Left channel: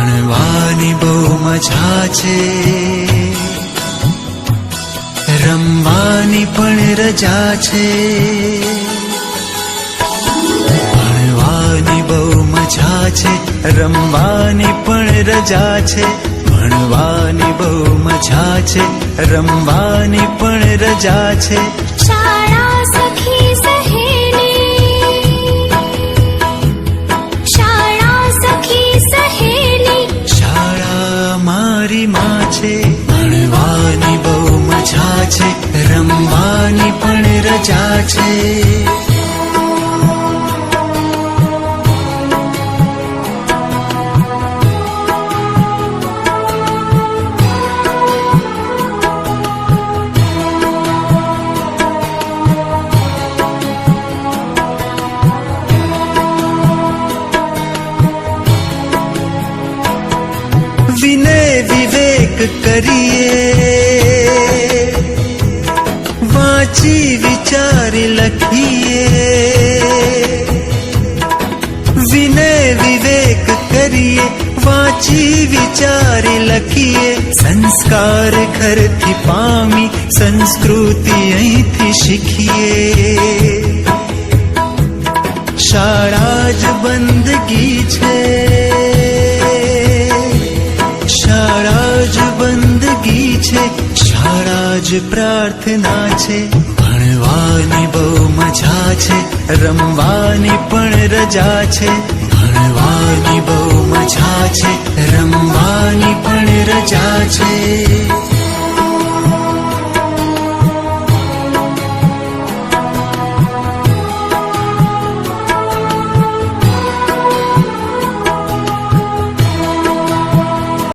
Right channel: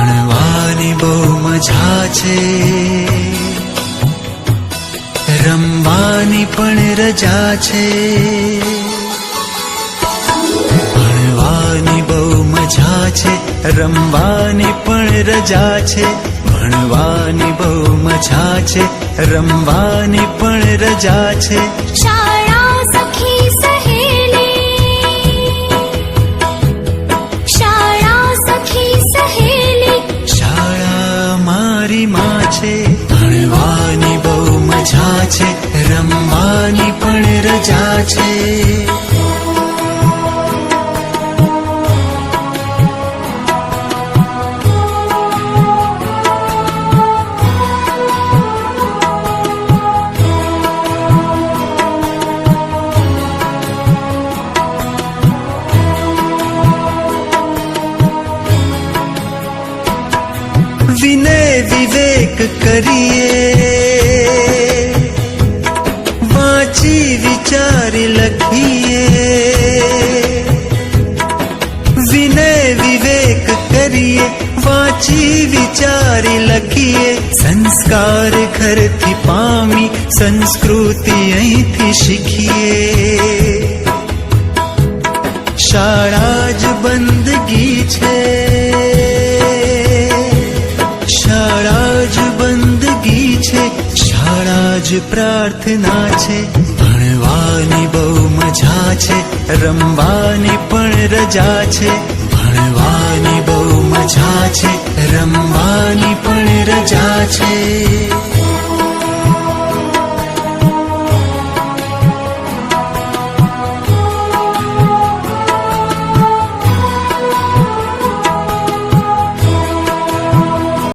ભણવાની બહુ મજા છે, રમવાની પણ રજા છે. ભણવાની બહુ મજા છે, રમવાની પણ રજા છે. ભણવાની બહુ મજા છે, રમવાની પણ રજા છે. શાળા સખી સહેલી, શાળા સખી સહેલી, શાળા મારી માં છે. ભણવાની બહુ મજા છે, રમવાની પણ રજા છે. વિનય વિવેક કરીએ, વાંચી વિચારી લખીએ. વિનય વિવેક કરીએ, વાંચી વિચારી લખીએ. સંસ્કાર ઘરથી પામી, સંસ્કૃતિ અહીંથી શીખીએ. શાળા જ બંદગી છે, શાળા જ બંદગી છે. શાળા જ પ્રાર્થના છે. ભણવાની બહુ મજા છે, રમવાની પણ રજા છે. ભણવાની બહુ મજા છે, રમવાની પણ રજા છે.